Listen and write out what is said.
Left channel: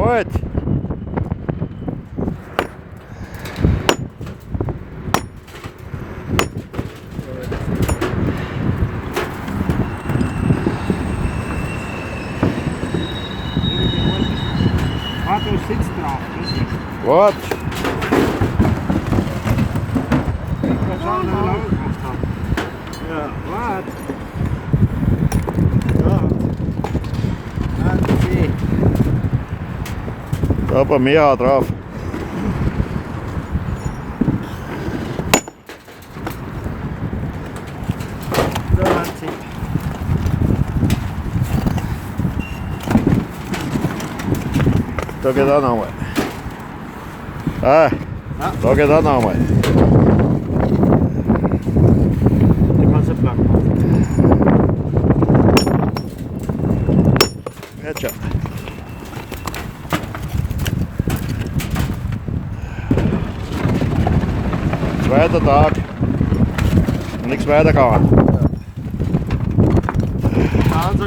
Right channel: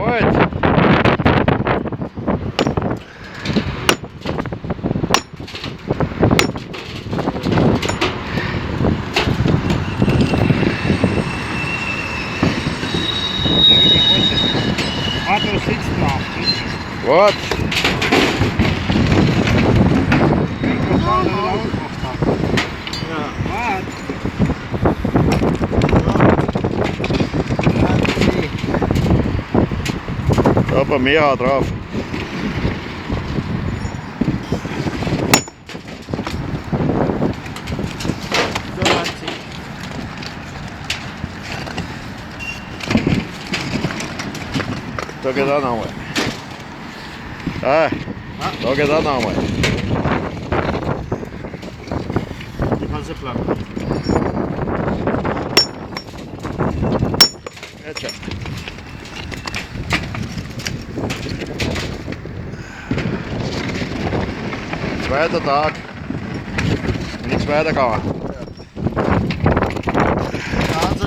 Gut. Du sitzt drauf, das ist Gut. was auch eine Laune gemacht haben. Ja, warte. Ja. Warte, sieh. Da bei mir auch drauf. So, warte, sieh. Da geht auch noch mal. Ah, da geht auch noch mal. Die kannst du blank. Jetzt schon. Zweiter Tag. Nichts weiter kann. Also,